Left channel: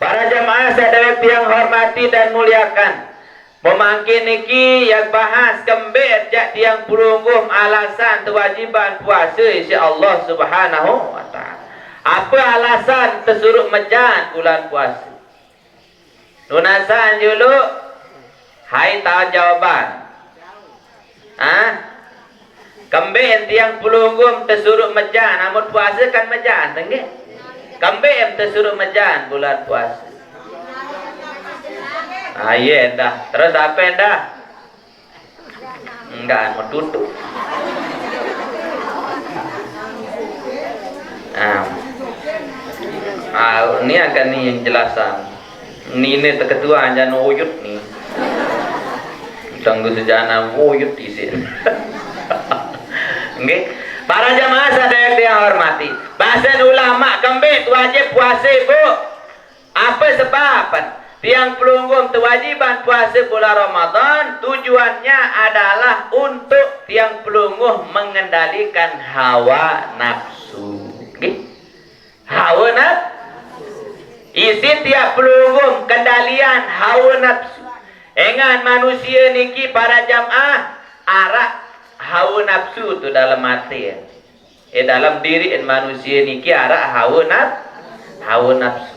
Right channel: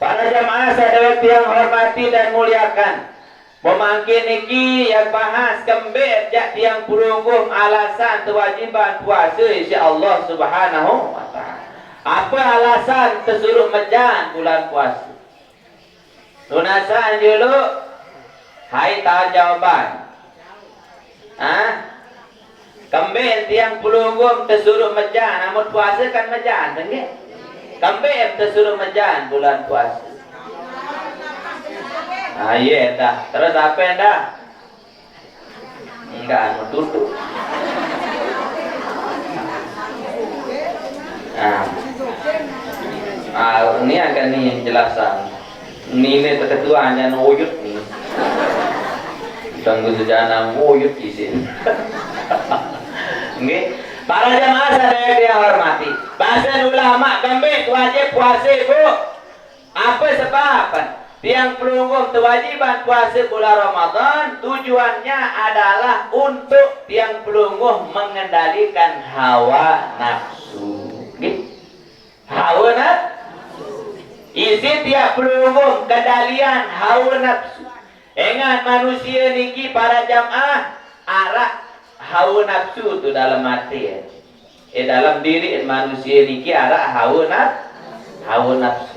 Para jamaah sadaya yang hormati dan muliakan, pemangkin niki yang bahas kembir jak tiang pulungguh alasan kewajiban puasa insya-Allah Subhanahu wa taala. Apa alasan tersuruh mejan bulan puasa? Lunasan dulu. Hai tahu jawaban. Kembir tiang pulungguh tersuruh mejan, namun puasa kan mejan, tengge? Kambing tersuruh mejan bulan puasa. Iya dah. Terus apa dah? Enggak, mau tutup. Ini akan nih yang jelasan. Ini terketua jangan uyut nih. Tunggu sejana uyut di sini. Nggih. Para jamaah sadaya yang hormati, bahasan ulama kembali wajib puasa bu. Apa sebab? Tiang pelunggung kewajiban puasa bulan Ramadan tujuannya adalah untuk tiang pelunggung mengendalikan hawa nafsu. Hawa nafsu. Isi tiap pelunggung kendalian hawa nafsu. Ingat manusia niki para jamaah arak hawa nafsu tu dalam hati dalam diri manusia niki arah hawa nafsu.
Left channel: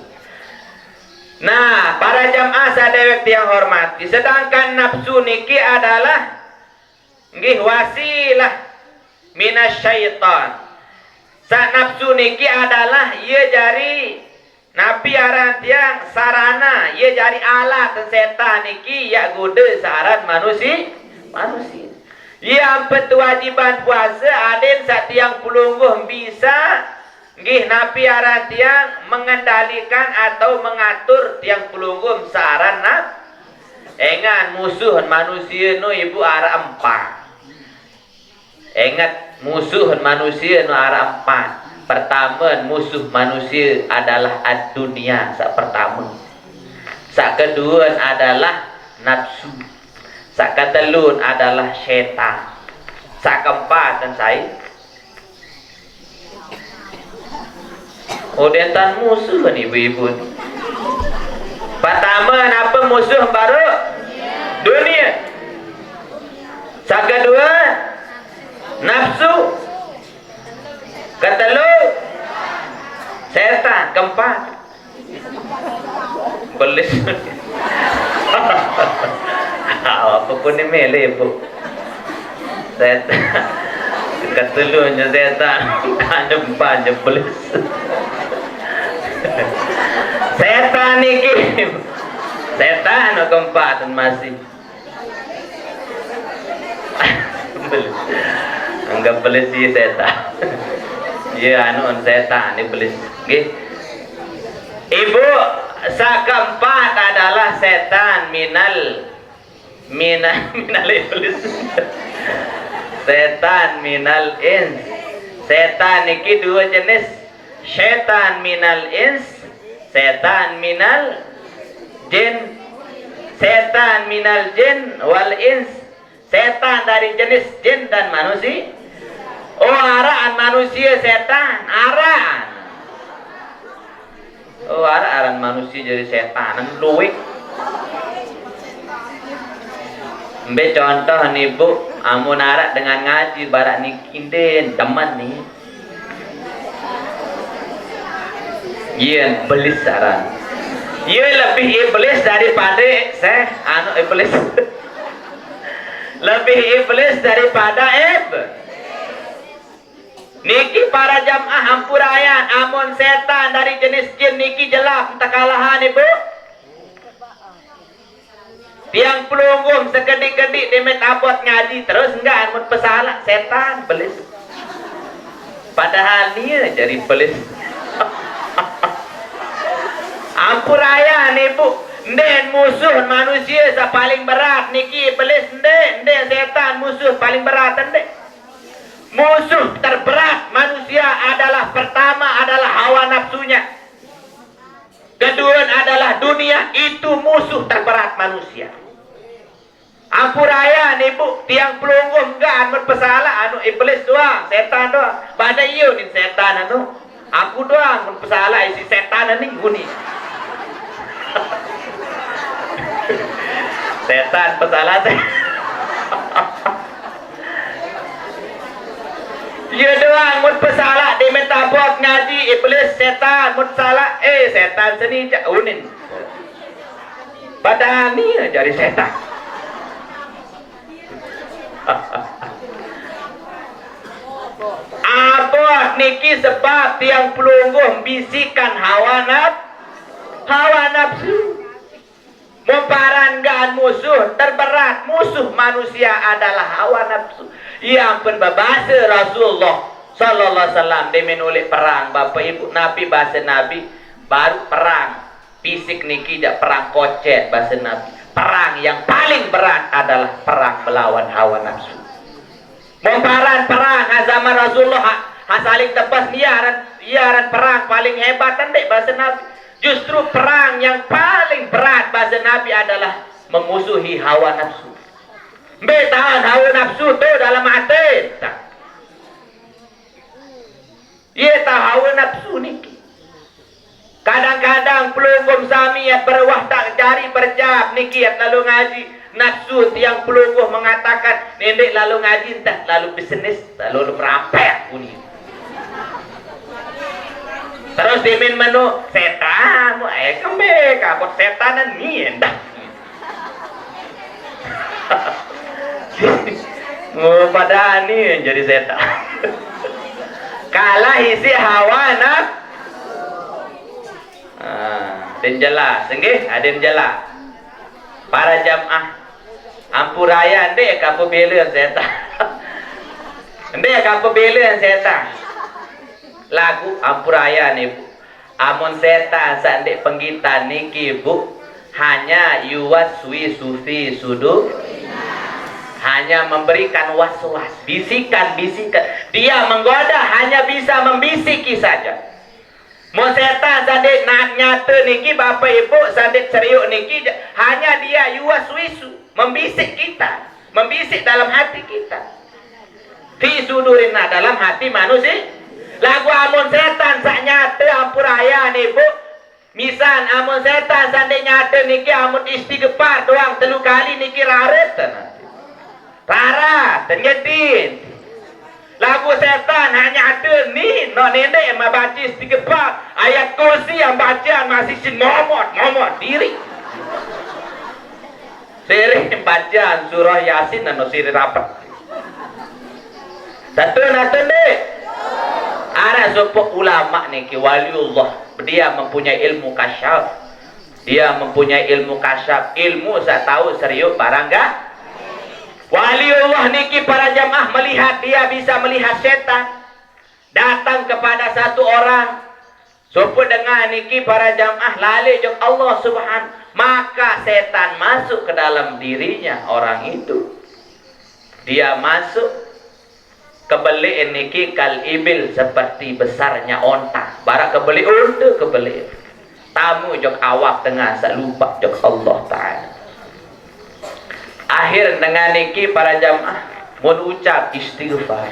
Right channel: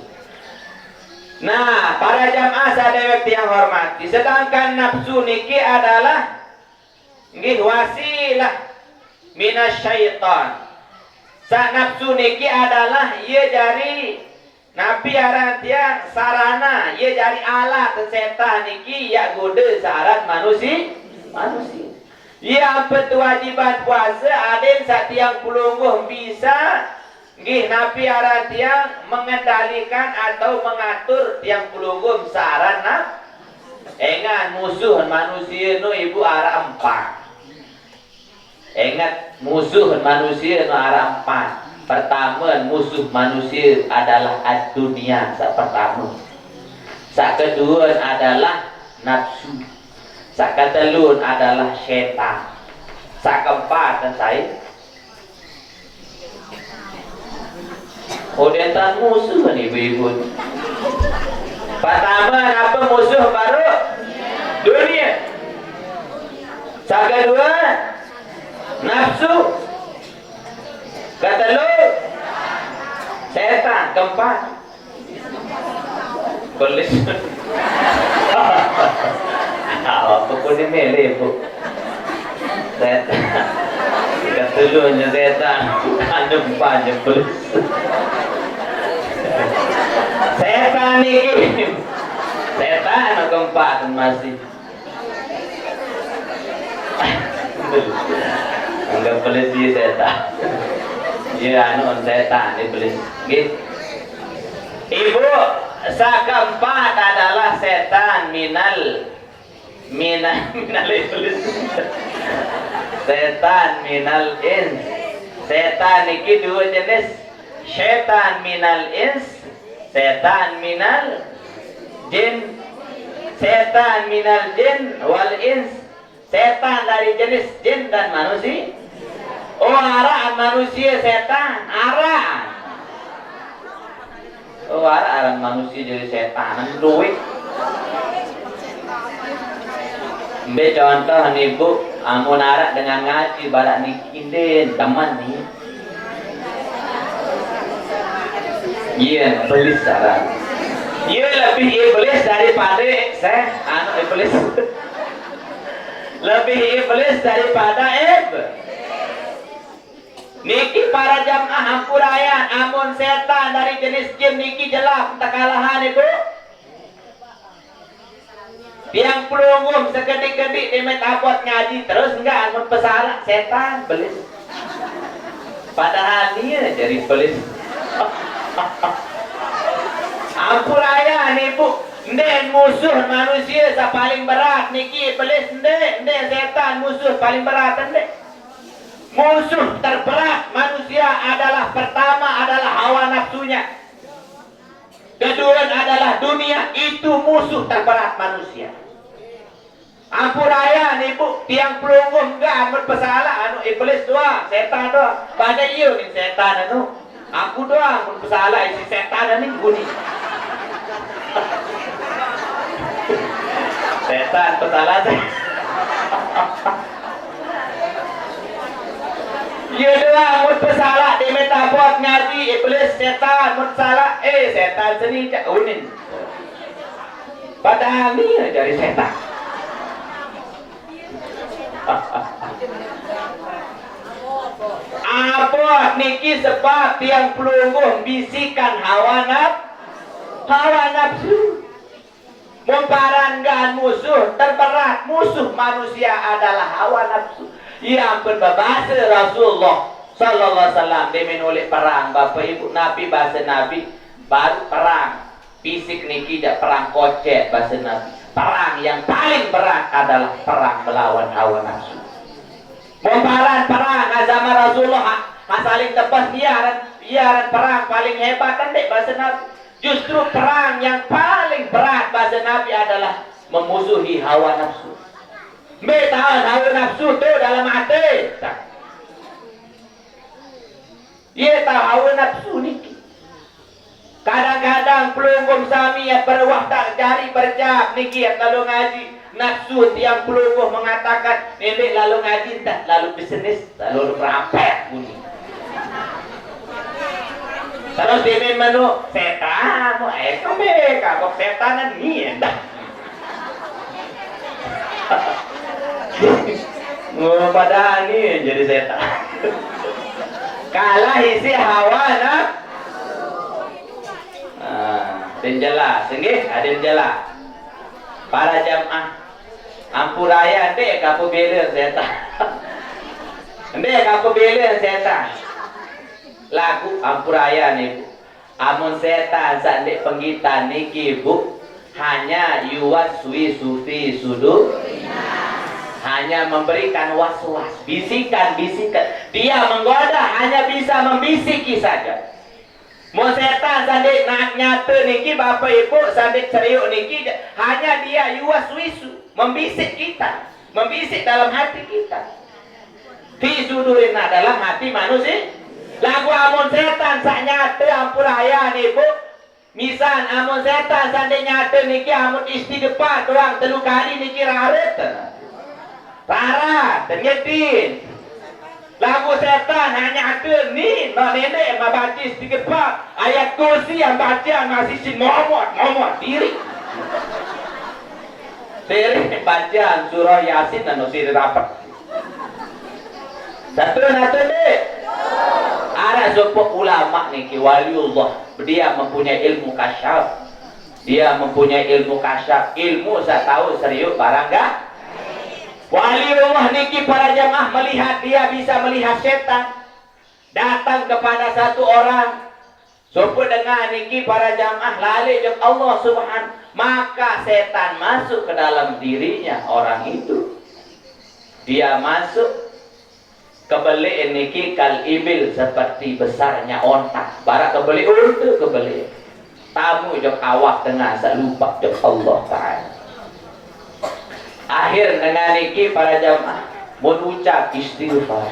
Nah, para jamaah sadaya yang hormati, sedangkan nafsu niki adalah nggih wasilah minasyaitan. Sa nafsu niki adalah ia jari nabi aran tiang sarana, ia jari alat setan niki ya goda syarat manusia. Yang berkewajiban puasa adin satiang pulungguh bisa nggih napi aran tiang mengendalikan atau mengatur tiang pulungguh saran Ingat musuh manusia nu ibu arah empat. Ingat musuh manusia nu arah empat. Pertama musuh manusia adalah dunia sak pertama. Sak kedua adalah nafsu. Sak ketelun adalah setan. Sak keempat dan saya. Odentan musuh nih ibu-ibu. Pertama apa musuh baru? Dunia. Sak kedua nafsu. Ketelun setan. Keempat belis. Apapun ini mele bu. Setan. Ketelunya setan. Ada empat belis. Setan niki. Setan keempat masih. Anggap belis si setan. Ya anu setan ini belis. Ibu, sak keempat adalah setan minal iblis. Setan minal ins. Setan niki dua jenis. Setan minal ins, setan minal jin. Setan minal jin wal ins. Setan dari jenis jin dan manusia. Oh, araan manusia setan, araan. Oh, araan manusia jadi setan, luwih. Ambil contoh nih bu, amun arak dengan ngaji barak nikinden teman nih. Iya, belis arak. Iya lebih iblis daripada iblis. Lebih iblis daripada Niki para jamaah hampurayan, amun setan dari jenis jin niki jelas takalahan ibu. Tiang pelunggum sekedik-kedik demet abot ngaji terus enggak amun pesalah setan belis. Padahal dia jadi belis. Hampurayan ibu. Nden musuh manusia paling berat niki belis nden setan musuh paling berat nden. Musuh terberat manusia adalah pertama adalah hawa nafsunya. Kedua adalah dunia, itu musuh terberat manusia. Ampuraya nih bu, tiang pelungguh enggak anu pesala anu iblis doang, setan doang. Pada iyo nih setan anu, aku doang anu pesala isi setan nih guni. Setan pesala teh. Iya doang mun pesala di metabot ngaji iblis setan mun salah setan seni cak unin. Padahal ni jadi setan. Apa niki sebab tiang pelungguh bisikan hawa nafsu. Memparangkan musuh terberat musuh manusia adalah hawa nafsu. Yang berbahasa Rasulullah sallallahu alaihi wasallam dia menulis perang Bapak Ibu Nabi bahasa Nabi baru perang fisik niki dak perang kocek bahasa Nabi. Perang yang paling berat adalah perang melawan hawa nafsu. Memparang perang zaman Rasulullah saling tepas iaran perang paling hebat dek bahasa Nabi. Justru perang yang paling berat bahasa Nabi adalah memusuhi hawa nafsu. Tahan hawa nafsu tu dalam hati. Ia tahu hawa nafsu ni. Kadang-kadang pelungguh sami yang berwah tak jari berjab niki lalu ngaji nafsu tiang pelungguh mengatakan nenek lalu ngaji tak lalu bisnis lalu merampet bunyi. Terus dimin menu setan, kembali kapot setanan ni endah. Pada ni jadi setan. Kalah isi hawa nafsu. Den jelas, nggih, aden jelas. Para jamaah ampuraya ndek ka pebela setan. Ndek ka pebela setan. Lagu ampuraya nih Bu. Amun setan sandek penggitan niki Bu, hanya yuwat sufi sudu. Hanya memberikan was-was, bisikan-bisikan. Dia menggoda hanya bisa membisiki saja. Mau setan sandek nak nyata niki Bapak Ibu sandek seriuk niki hanya dia yuwas-wisu, membisik kita, membisik dalam hati kita. Fi sudurina dalam hati manusia. Lagu amun setan sak nyata ampuraya nih Bu. Misal amun setan sandek nyata niki amun istighfar doang 3 kali niki raret. Rara, ternyedin. Lagu setan hanya ada ni, no nenek yang baca istighfar, ayat kursi yang baca masih sin momot diri. Sering bacaan surah Yasin dan siri rapat. Satu nate deh. Ada sebuah ulama nih waliullah, dia mempunyai ilmu kasyaf. Dia mempunyai ilmu kasyaf, ilmu saya tahu serius barang gak? Waliullah niki para jamaah melihat dia bisa melihat setan datang kepada satu orang. Sopo dengan niki para jamaah lali jeng Allah subhanahu, maka setan masuk ke dalam dirinya orang itu. Dia masuk kebeli niki kal ibil seperti besarnya onta. Barak kebeli unta kebeli. Tamu jeng awak tengah sak lupa jeng Allah Ta'ala. Akhir dengan niki para jamaah mun ucap istighfar.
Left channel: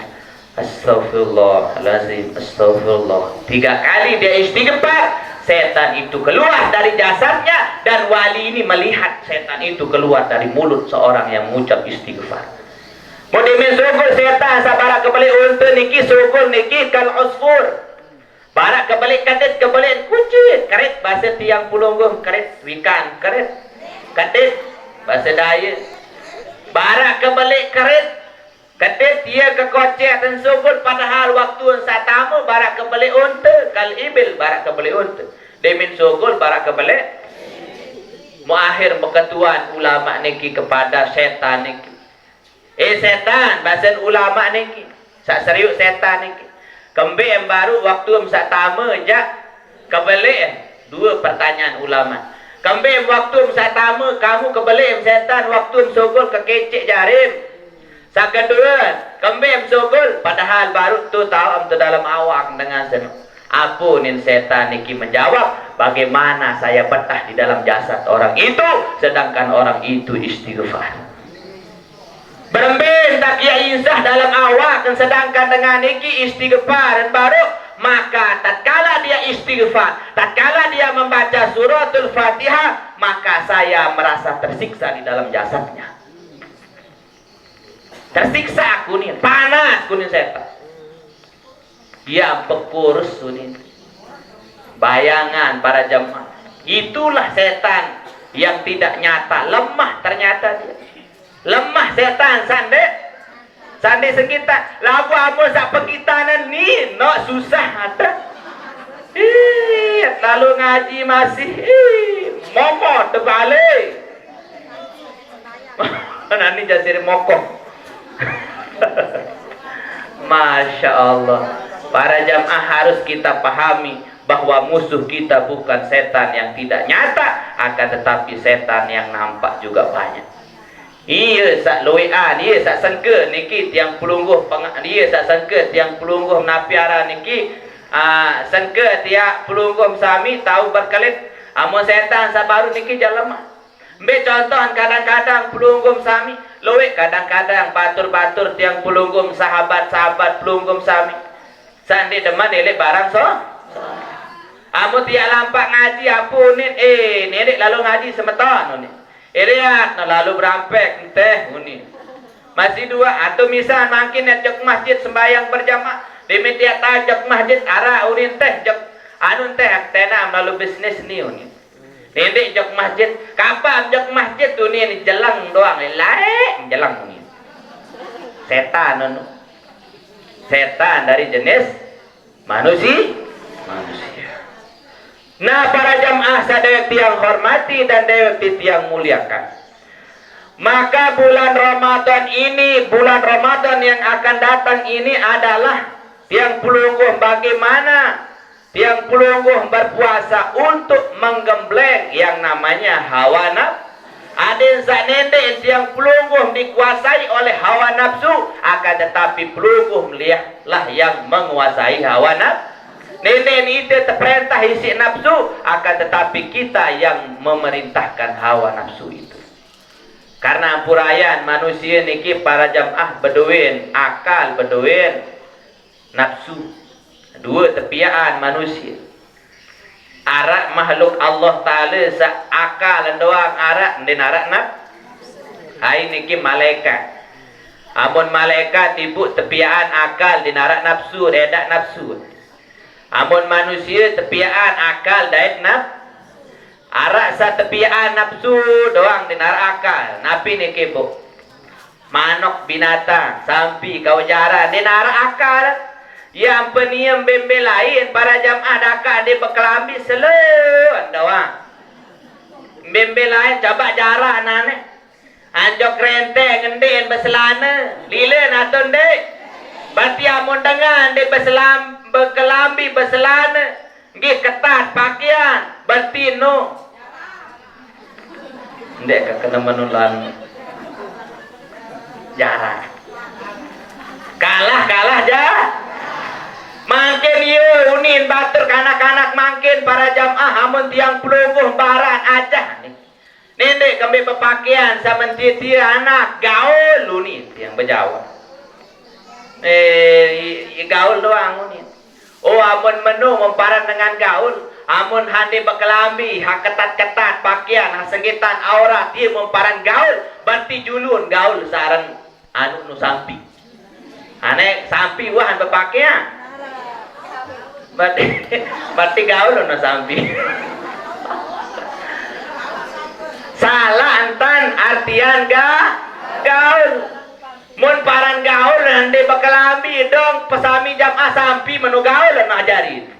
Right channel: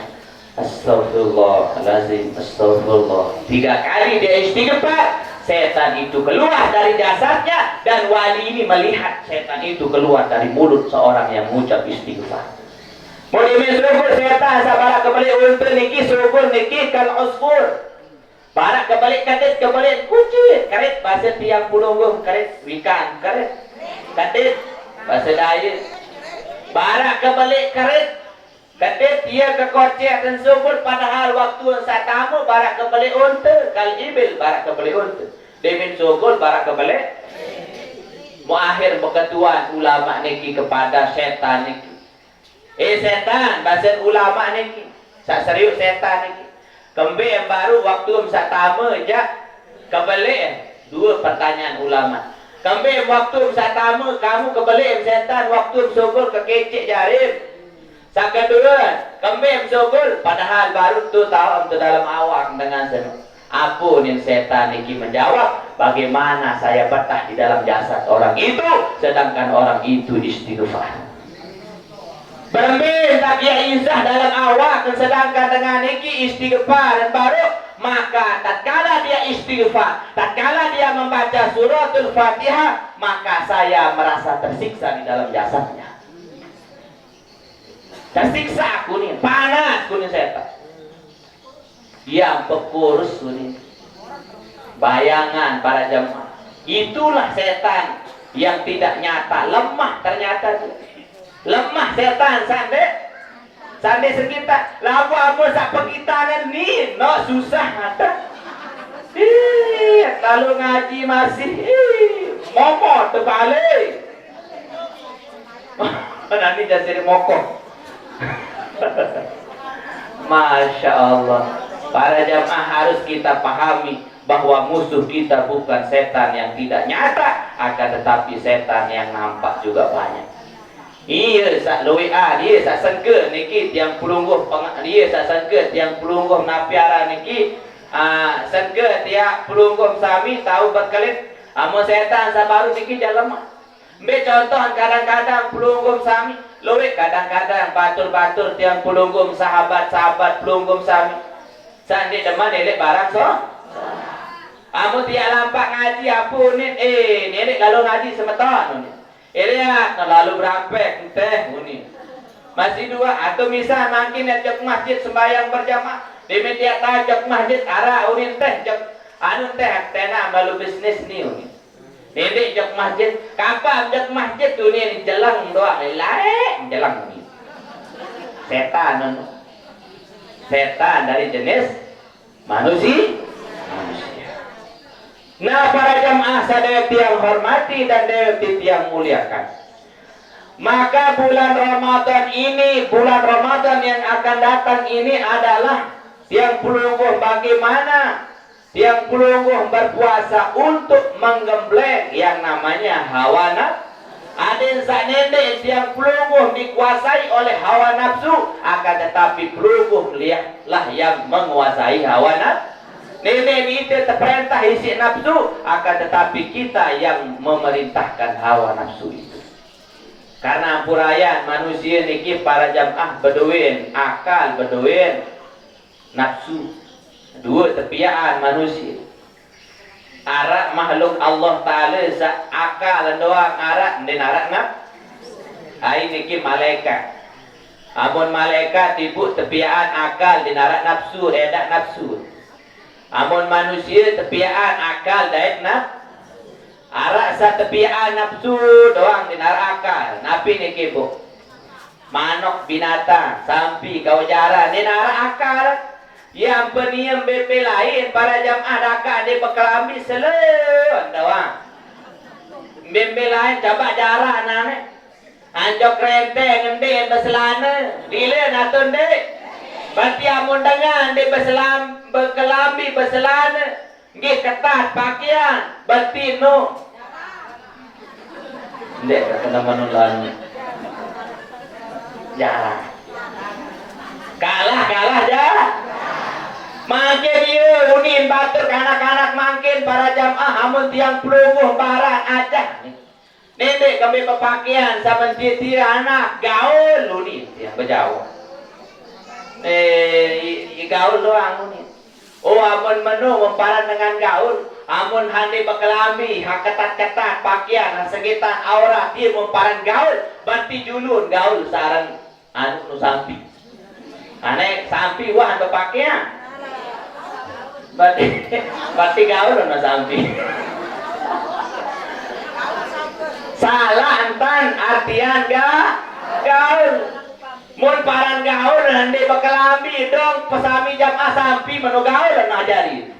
Astagfirullahalazim, astagfirullah. 3 kali dia istighfar, setan itu keluar dari jasadnya dan wali ini melihat setan itu keluar dari mulut seorang yang mengucap istighfar. Mun dimen sugul setan sabara kebalik unta niki sugul niki kal usfur. Barak kebalik kadet kebalik kucing, karet bahasa tiang pulunggung, karet wikan, karet. Kadet bahasa Dayak. Barak kebalik karet, kadet dia ke kocek dan sugul padahal waktu saat tamu barak kebalik unta, kal ibil barak kebalik unta. Demin sugul barak kebalik. Muakhir berketuan ulama niki kepada setan niki. Setan bahasa ulama niki. Sak serius setan niki. Kembe yang baru waktu saat tamu jak kebalik. 2 pertanyaan ulama. Kembali waktu saya tamu kamu kebalik setan waktu sogol ke kecik jarim. Sakadua, kembem sugul padahal baru tu tahu tu dalam awak dengan senang. Apunin setan niki menjawab, bagaimana saya betah di dalam jasad orang itu sedangkan orang itu istighfar. Berembin tak ia insah dalam awak dan sedangkan dengan niki istighfar dan baru, maka tatkala dia istighfar, tatkala dia membaca suratul Fatihah, maka saya merasa tersiksa di dalam jasadnya. Tersiksa aku nih, panas kuning setan. Dia pekurus kuning. Bayangan para jemaah. Itulah setan yang tidak nyata, lemah ternyata dia. Lemah setan sande sekitar. Lagu apa sak pekitanan ni, no susah ada. Lalu ngaji masih momot terbalik. Nanti jasir mokok. Masya Allah. Para jamaah harus kita pahami bahwa musuh kita bukan setan yang tidak nyata, akan tetapi setan yang nampak juga banyak. Iya sak loean, iya sak sengke niki tiang pelungguh dia sak sengke tiang pelungguh napiara niki sengke tiang pelungguh sami tahu berkelit amo setan sabaru niki jalema. Ambil contoh kadang-kadang pelunggum sami loe, kadang-kadang batur-batur tiang pelunggum sahabat-sahabat pelunggum sami sandi deman elek barang so amu tiak lampak ngaji apun nenek lalu ngaji semeton lihat lalu berampek teh uni masih dua atau misal makin jok masjid sembahyang berjamaah demi tiak tajok masjid arah unin teh jok anu teh tenam lalu bisnis ni uni nenek jok masjid kapan jok masjid uni jelang doang lain jelang uni setan anu setan dari jenis manusia. Nah para jamaah sadaya tiang hormati dan dewi tiang muliakan, maka bulan Ramadan ini, bulan Ramadan yang akan datang ini adalah tiang pelungguh bagaimana tiang pelungguh berpuasa untuk menggembleng yang namanya hawa nafsu. Adin sanete tiang pelungguh dikuasai oleh hawa nafsu, akan tetapi pelungguh lihatlah yang menguasai hawa nafsu. Nenek itu terperintah isi nafsu, akan tetapi kita yang memerintahkan hawa nafsu itu. Karena ampurayan manusia niki para jamaah beduin akal beduin nafsu, dua tepiaan manusia. Arak makhluk Allah Ta'ala akal doang arak dan arak nafsu. Hai niki malaikat. Amun malaikat ibu tepiaan akal dan arak nafsu, redak nafsu. Amun manusia tepiaan akal dan nafsu. Arak sa tepiaan nafsu doang dan arak akal. Napi niki bu. Manok binatang, sampi kau jaran dan arak akal. Yang peniem bembe lain para jamaah daka dia berkelambi selalu doang. Bembe lain coba jarak nane. Anjok renteng ngenden berselana. Lila natun dek. Berarti amun dengan dia berkelambi berselana. Nggih ketat pakaian. Berarti no. Ndek kena menulan. Jarak. Kalah jah. Makin iya unin batur kanak-kanak makin para jamaah amun tiang pelungguh barat aja nih. Nenek kami berpakaian sama titi anak gaul unin tiang berjauh. Gaul doang unin. Oh amun menu memparan dengan gaul, amun handi berkelambi, hak ketat-ketat pakaian, hak segitan aurat dia memparan gaul, berarti julun gaul sarang anu nu sampi. Anek sampi wah berpakaian. Berarti gaul no sampi. Salah antan artian gaul. Mun paran gaul hande bekelambi dong pesami jamaah sampi menu gaul na ajari.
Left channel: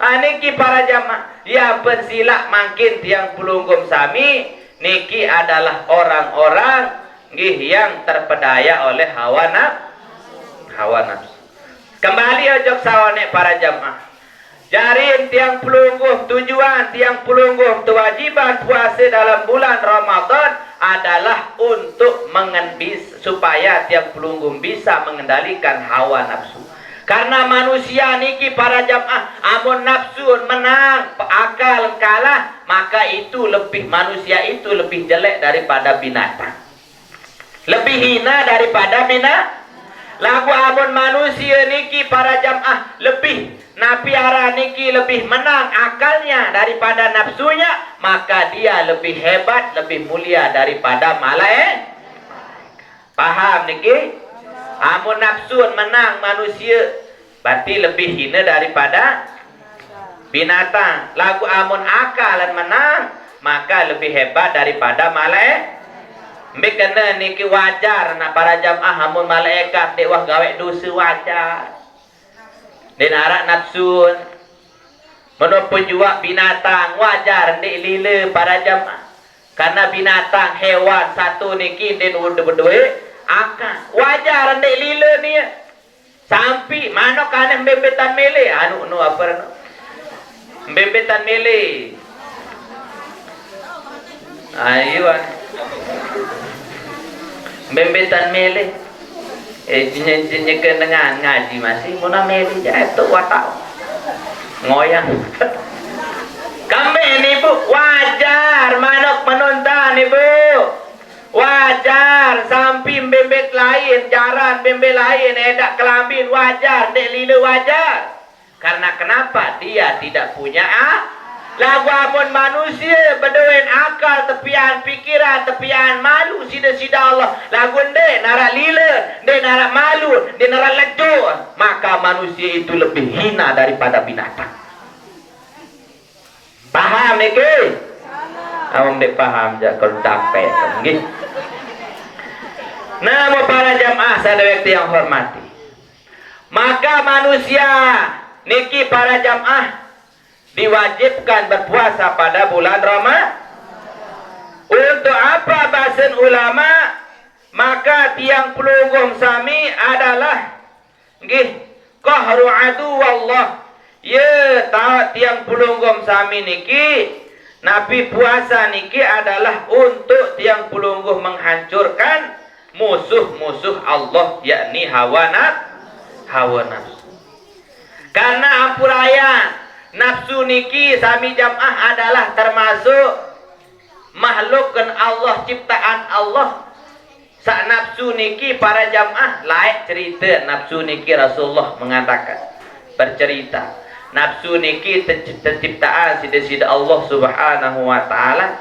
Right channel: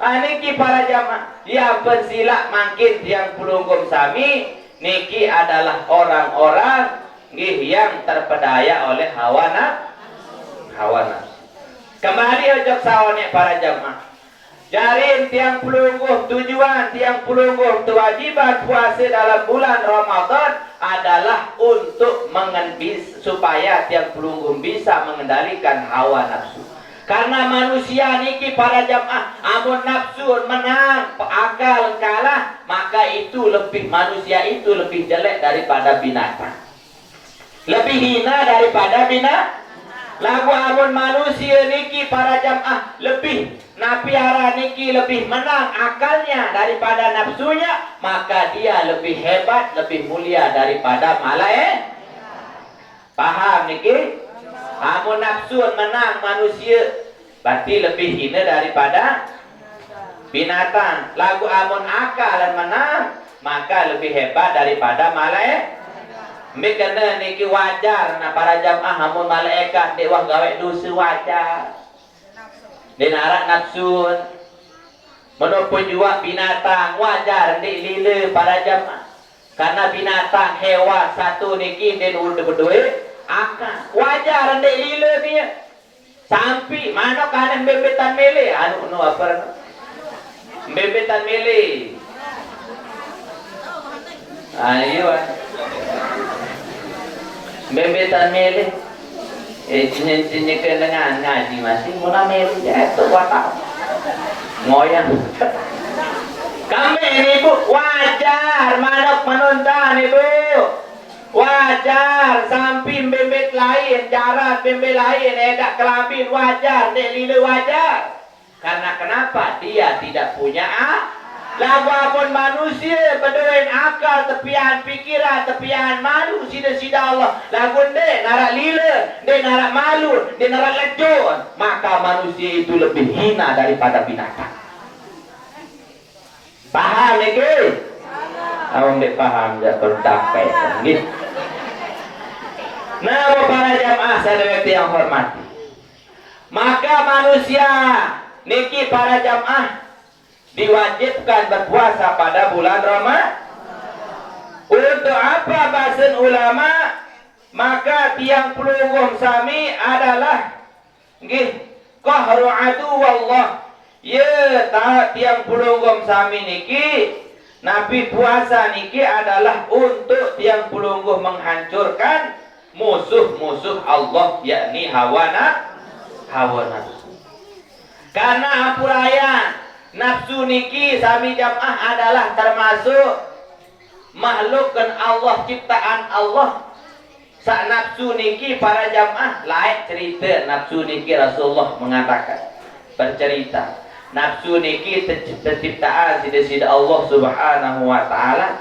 Niki para jamaah ya pensila makin tiang pelunggum sami niki adalah orang-orang nggih yang terpedaya oleh hawa nafsu. Kembali ojok sawane para jamaah. Jarin tiang pelungguh tujuan tiang pelungguh kewajiban puasa dalam bulan Ramadan adalah untuk supaya tiang pelunggung bisa mengendalikan hawa nafsu. Karena manusia niki para jamaah, amun nafsu menang, akal kalah, maka itu manusia itu lebih jelek daripada binatang. Lebih hina daripada binatang. Lagu amun manusia niki para jamaah lebih napiara niki lebih menang akalnya daripada nafsunya, maka dia lebih hebat, lebih mulia daripada malaikat. Paham niki? Amun nafsu menang manusia berarti lebih hina daripada binatang. Lagu amun akal menang maka lebih hebat daripada malaikat. Mbek kena niki wajar na para jamaah amun malaikat dek wah gawe dosa wajar. Den arak nafsu. Menopun juga binatang wajar dek lila para jamaah. Karena binatang hewan satu niki den berdua akal. Wajar dek lila dia. Sampai mana kana bebetan mele anu apa bebetan mele. Ayo. Bebetan mele jenis dengan ngaji masih muna mele itu watak ngoyang kami ini bu wajar manok menonton ibu wajar sampai bebet lain jaran bebet lain edak kelambin wajar dek lila wajar karena kenapa dia tidak punya lagu apun manusia berdoain akal tepian pikiran tepian malu sida-sida Allah lagu dek narak lila dek narak malu dek narak lejo maka manusia itu lebih hina daripada binatang. Paham niki? Awang dek paham jak kalau capek nggih. Nah para jamaah sadaya yang hormati maka manusia niki para jamaah diwajibkan berpuasa pada bulan Ramadan. Untuk apa bahasan ulama? Maka tiang pelunggung sami adalah nggih qahru adu wallah. Ya tiang pelunggung sami niki Nabi puasa niki adalah untuk tiang pelunggung menghancurkan musuh-musuh Allah yakni hawa nafsu. Karena ampurayan nafsu niki sami jamaah adalah termasuk makhluk kan Allah ciptaan Allah. Sak nafsu niki para jamaah lain cerita nafsu niki Rasulullah mengatakan bercerita nafsu niki terciptaan sida-sida Allah Subhanahu wa taala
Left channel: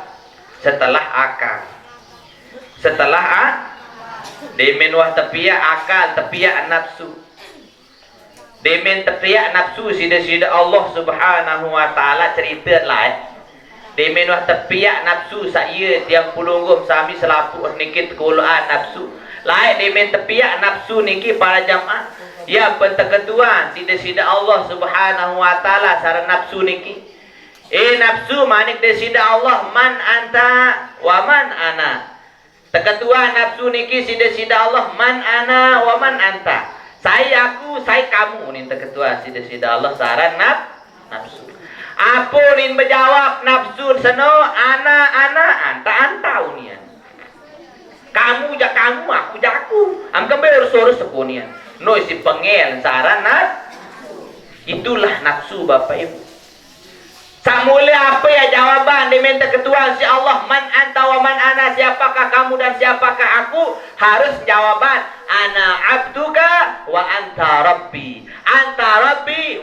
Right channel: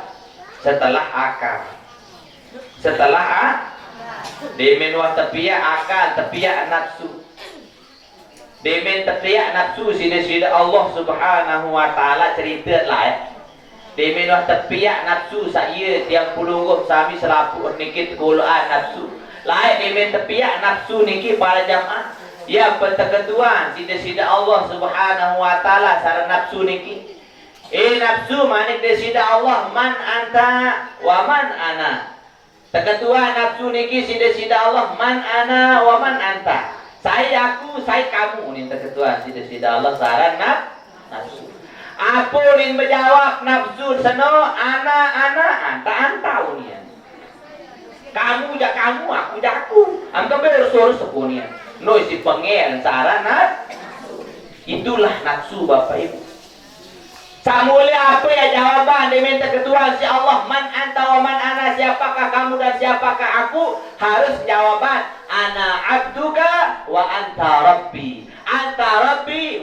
setelah akal. Setelah demen wah tepiak akal tepiak nafsu. Demen tepiak nafsu sida-sida Allah Subhanahu wa taala cerita lain. Demen wah tepiak nafsu saya tiang pelunggung sami selapu nikit kulaan nafsu. Lain demen tepiak nafsu niki para jamaah. Ya penteketuan sida-sida Allah Subhanahu wa taala sara nafsu niki. Nafsu manik sida Allah man anta wa man ana. Teketuan nafsu niki sida-sida Allah man ana wa man anta. Saya aku, saya kamu nih ketua sida Allah saran nafsu. Apa nih menjawab nafsu seno ana anta unian. Kamu jak kamu, aku jak aku. Am kembali urus sepunian. No isi pengel saran itulah nafsu Bapak Ibu. Samule apa ya jawaban diminta ketua si Allah man anta wa man ana siapakah kamu dan siapakah aku harus jawaban ana abduka wa anta rabbi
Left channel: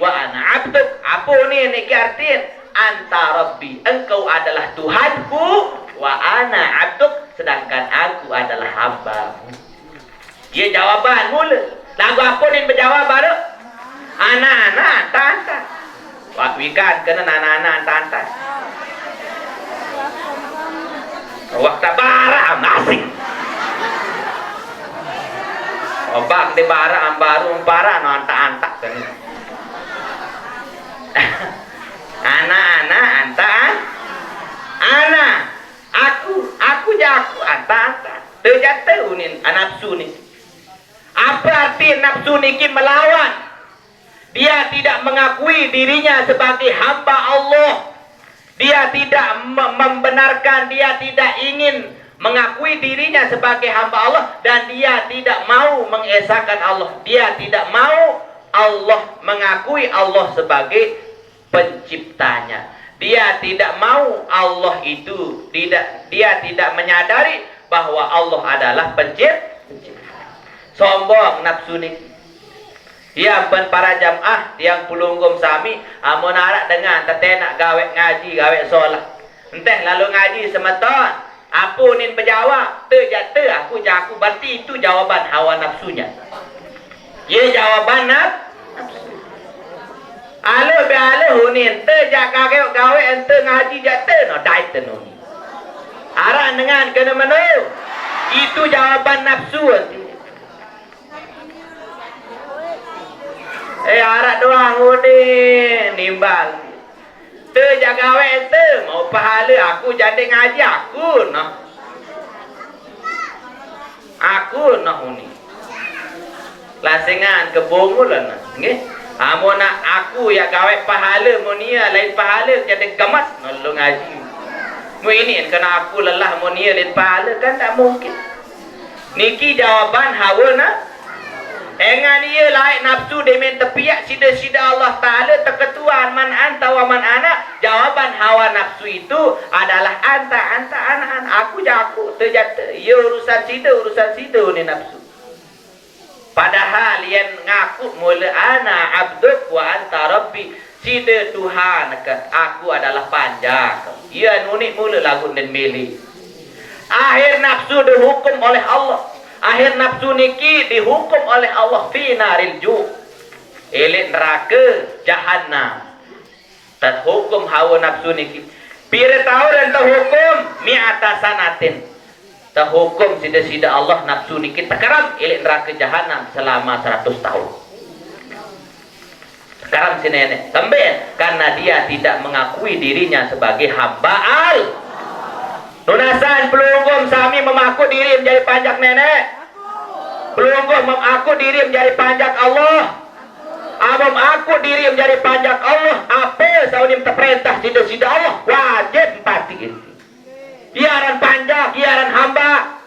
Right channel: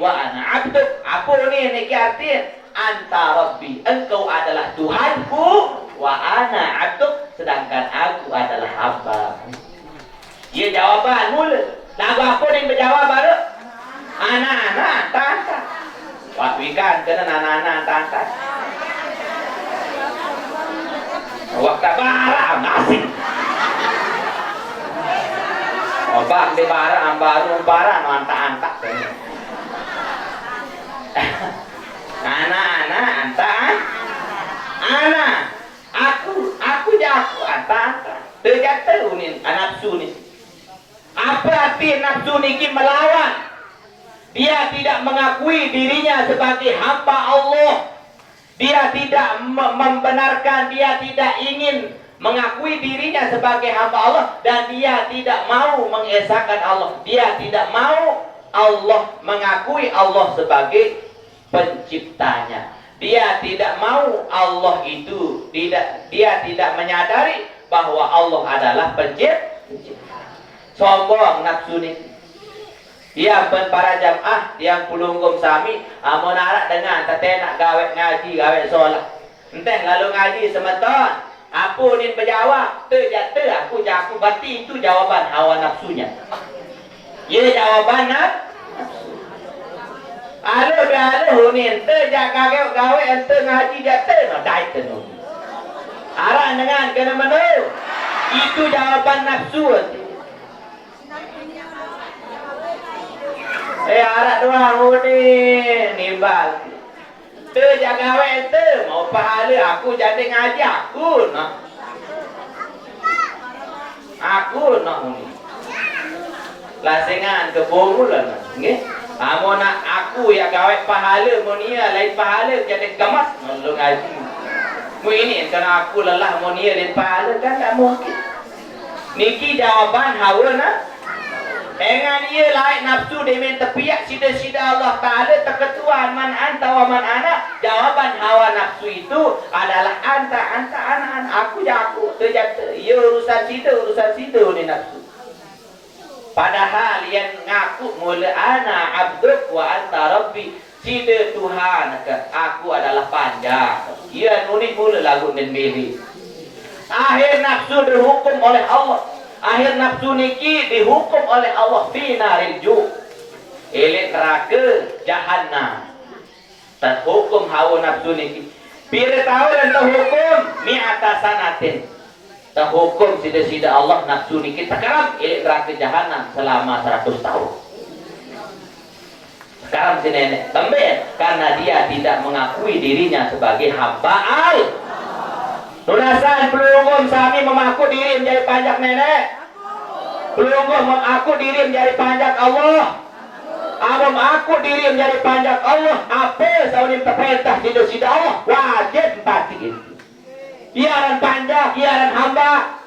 wa ana abduk. Apa ni niki artiin anta rabbi engkau adalah Tuhanku wa ana abduk sedangkan aku adalah hambamu. Dia jawaban mula lagu apa ni berjawab baru ana anta waktu ikan kena nana tantai. Waktu bara nasi. Obak di bara ambaru bara anta kena. Ana aku jaku anta. Terjatuh ni nafsu ni. Apa arti nafsu niki melawan? Dia tidak mengakui dirinya sebagai hamba Allah. Dia tidak membenarkan, dia tidak ingin mengakui dirinya sebagai hamba Allah dan dia tidak mau mengesahkan Allah. Dia tidak mau Allah mengakui Allah sebagai penciptanya. Dia tidak mau Allah itu dia tidak menyadari bahwa Allah adalah pencipta. Sombong nafsu ni. Ya ben para jamaah yang pulunggum sami amun arak dengan tete nak gawe ngaji gawe solat. Enteh lalu ngaji semeton. Apa nin berjawab? Te aku jaku berarti itu jawaban hawa nafsunya. Ye jawaban nafsu. Ale be ale hunin te jaga gawe ente ngaji jate no dai tenu. Arak dengan kena menu. Itu jawaban nafsu. Arak doang udah nimbal. Te jaga we ente mau pahala aku jadi ngaji aku noh. Aku noh uni. Lasengan kebongul lah nggih. Amun nak aku ya gawe pahala monia lain pahala jadi gamas nolong ngaji. Mu ini kena aku lelah monia lain pahala kan tak mungkin. Niki jawaban hawa na. Engan dia lain nafsu demen tepiak sida-sida Allah Ta'ala terketuan man anta wa man ana. Jawaban hawa nafsu itu adalah anta anak aku jaku terjata. Ya urusan sida ni nafsu. Padahal yang ngaku mula ana abduk wa anta rabbi. Sida Tuhan ke aku adalah panjang. Ya nunik mula lagu dan milih. Akhir nafsu dihukum oleh Allah. Akhir nafsu niki dihukum oleh Allah fi naril ju. Elit neraka jahannam. Terhukum hawa nafsu niki. Pira tahun terhukum mi'ata sanatin. Terhukum sida-sida Allah nafsu niki tekaram elit neraka jahannam selama 100 tahun. Sekarang si nenek sampai karena dia tidak mengakui dirinya sebagai hamba Allah. Lunasan pelunggum sami memaku diri menjadi panjak nenek. Pelunggum memaku diri menjadi panjak Allah. Amam aku diri menjadi panjak Allah. Apa saunim terperintah sida-sida Allah wajib pati. Iaran panjak, iaran hamba.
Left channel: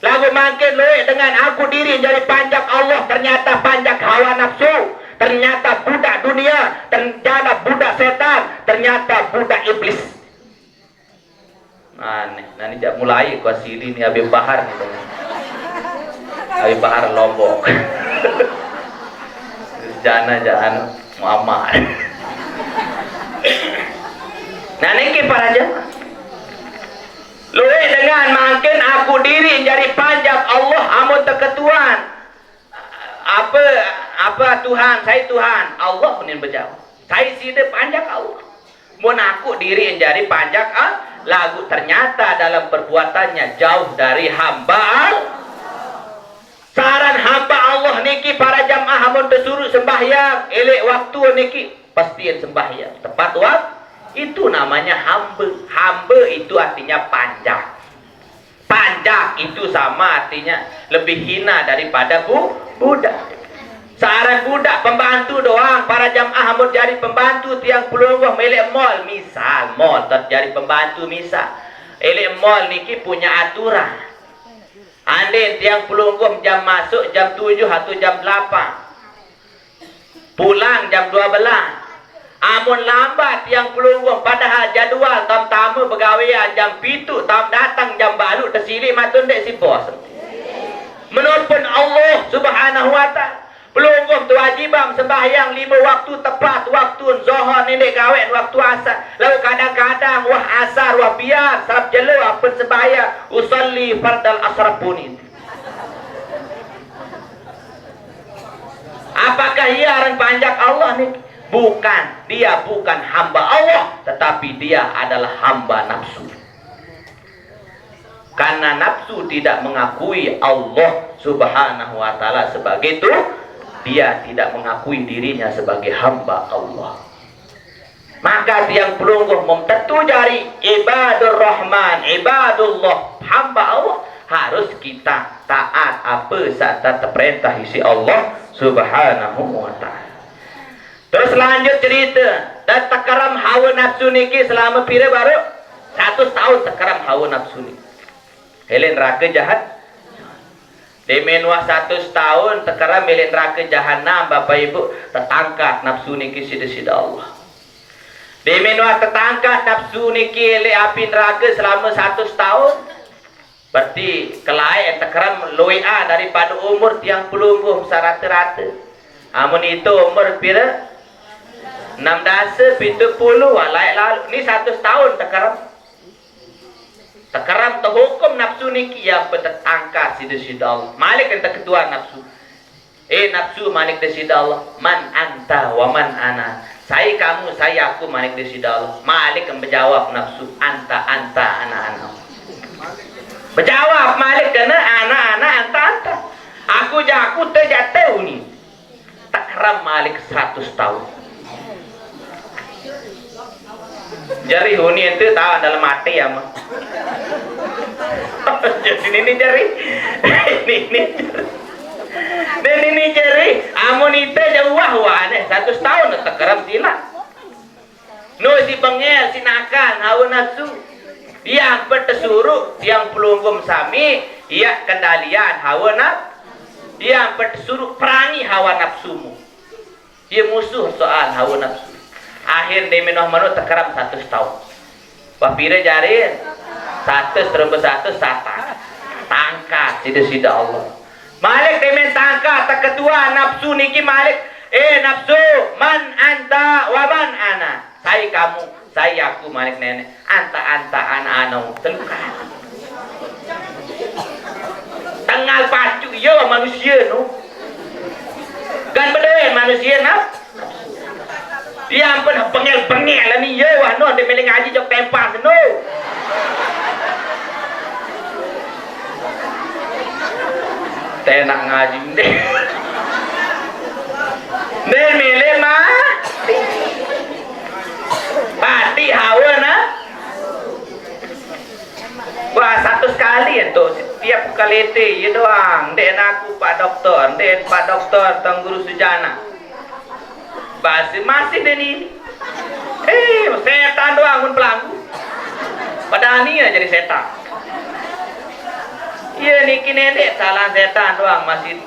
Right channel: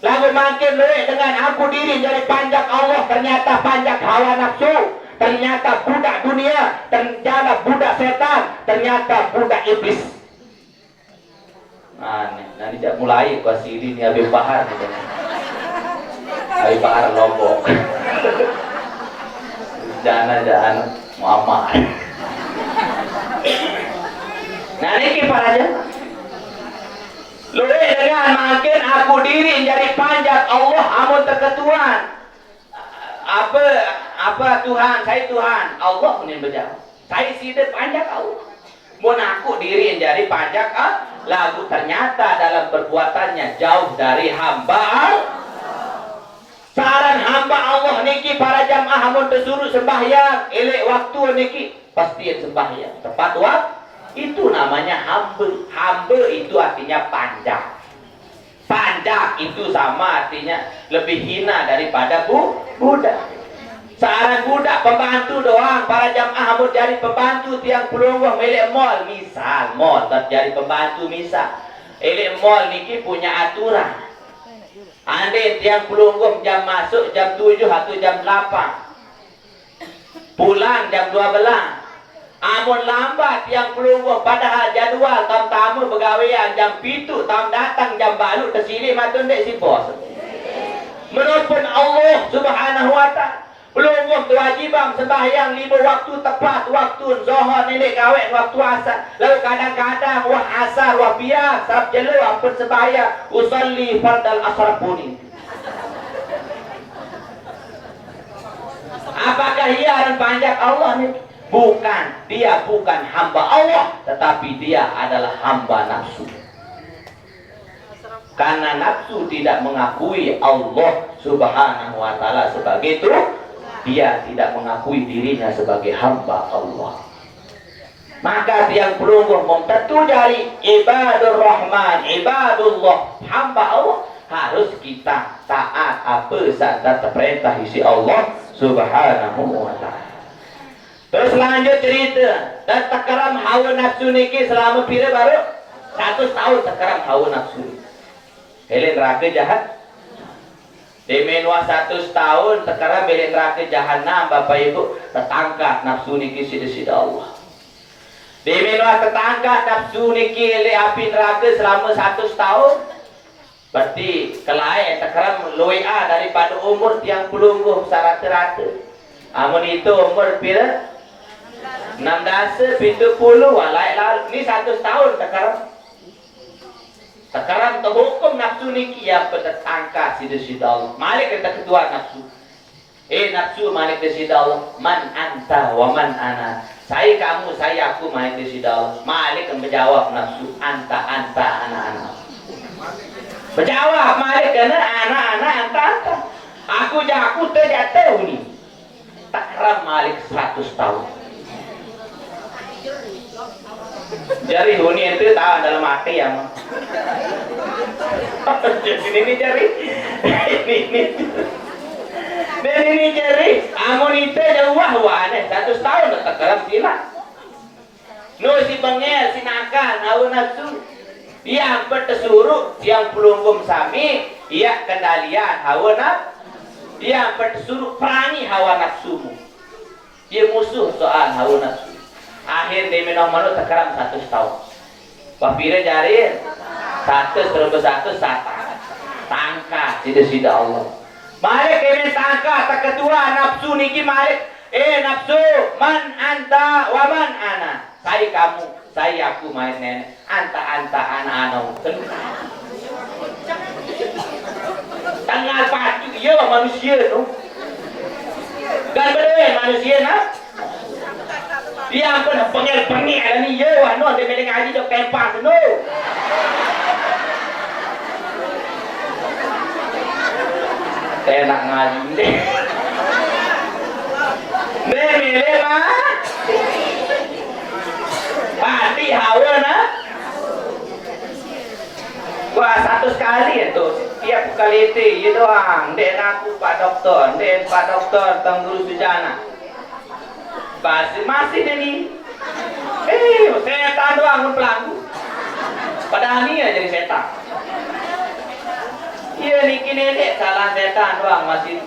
Lagu makin lu dengan aku diri menjadi panjak Allah ternyata panjak hawa nafsu. Ternyata budak dunia, ternyata budak setan, ternyata budak iblis. Aneh, nanti jak mulai gua sini nih Habib Bahar gitu. Habib Bahar Lombok. Jangan Muhammad. Nah niki para aja. Lu dengan makin aku diri jadi panjang Allah amun terketuan. Apa Tuhan, saya Tuhan. Allah punin berjawab. Saya sida panjang Allah. Mun aku diri jadi panjang lagu ternyata dalam perbuatannya jauh dari hamba Allah. Saran hamba Allah niki para jamaah amun disuruh sembahyang elek waktu niki pastiin sembahyang tepat waktu. Itu namanya hamba. Hamba itu artinya panjang. Panjang itu sama artinya lebih hina daripada budak. Saran budak pembantu doang para jamaah amun jadi pembantu tiang pelungguh melek mall misal mall jadi pembantu misal elek mall niki punya aturan. Ande tiang pelungguh jam masuk jam 7 atau jam 8 pulang jam 12. Amun lambat tiang pelungguh padahal jadual tam tamu pegawaian jam 7 tam datang jam baru tersilih matun dek si bos. Menurut Allah Subhanahu wa ta'ala pelungguh kewajiban sembahyang 5 waktu tepat waktu zuhur nenek kawin waktu asar. Lalu kadang-kadang wah asar wah biar sarap jelo apa sembahyang usalli fardal asar punin. Apakah iaran panjang Allah nih? Bukan, dia bukan hamba Allah, tetapi dia adalah hamba nafsu. Karena nafsu tidak mengakui Allah Subhanahu wa ta'ala sebagai itu, dia tidak mengakui dirinya sebagai hamba Allah. Maka tiang pelungguh memtentu jari ibadur rahman, ibadullah, hamba Allah harus kita taat apa saat terperintah isi Allah Subhanahu wa ta'ala. Terus lanjut cerita dan takaram hawa nafsu niki selama pira baru 100 tahun takaram hawa nafsu niki. Helen neraka jahat. Demenwa 100 tahun sekarang milih neraka jahanam Bapak Ibu, tertangkat nafsu niki sida-sida Allah. Demenwa tertangkat nafsu niki le api neraka selama 100 tahun. Berarti kelai sekarang loia daripada umur tiang pelungguh sarata-rata. Amun itu umur pira? 16 70 walai lalu ni 100 tahun sekarang. Sekarang terhukum nafsu niki yang tertangkat sida-sida Allah. Malik kata ketua nafsu. Nafsu malik sida Allah. Man anta wa man ana. Saya kamu, saya aku malik sida Allah. Malik menjawab nafsu anta ana. Berjawab Malik kena ana anta. Aku terjatuh ni. Tak keram Malik 100 tahun. Jari huni itu tahu dalam mati ya mah. Ini jari. Ini jari. Amun itu jauh wah 100 tahun tak keram sila. No si bengel si nakal hawa nafsu. Dia bertesuruh yang pelunggum sami, ia kendalian hawa nafsu. Dia bertesuruh perangi hawa nafsumu. Dia musuh soal hawa nafsu. Akhir dia minum manut terkeram 100 tahun. Wapira jarin 100 terus 100 satan. Tangkat sida-sida Allah. Malik dia tangkat tak ketua nafsu niki Malik. Nafsu man anta wa man ana. Saya kamu, saya aku Malik nenek. Anta ana. Tengah. Tengah pacu ya manusia tu. Kan beda manusia nak. Dia ampun bengel-bengel lah ni ya wah no dia meleng ngaji jok tempas no. Saya nak ngaji ni. Ni meleng mah. Pati hawa na. Wah 100 kali itu tiap kali itu ya doang. Dek aku Pak Doktor, dek Pak Doktor tang guru sujana. Masih dari setan doang pun pelaku. Padahal ni jadi setan. Iya niki nenek salah setan doang masih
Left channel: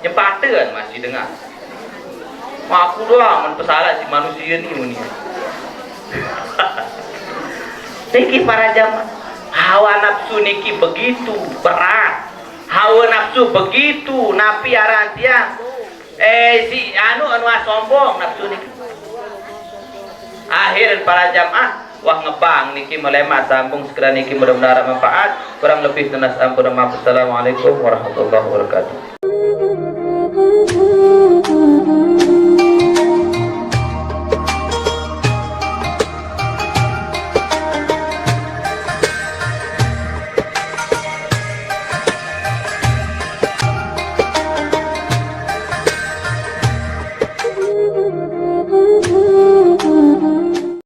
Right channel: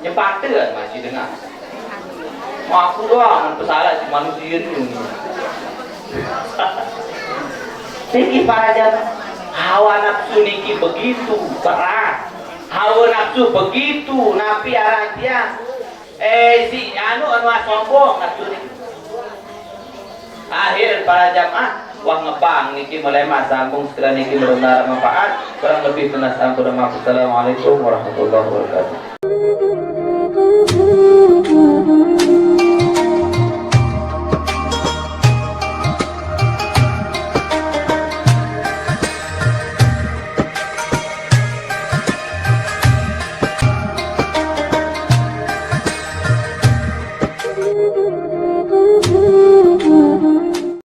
nyempatan masih dengar. Aku doang pesalah si manusia ni. Niki para jamaah hawa nafsu niki begitu berat. Hawa nafsu begitu napi arantia. Si anu sombong nafsu niki. Akhir para jamaah wah ngebang niki melemat sambung segera niki mudah-mudahan manfaat. Kurang lebih tunas ampun maaf. Assalamualaikum warahmatullahi wabarakatuh.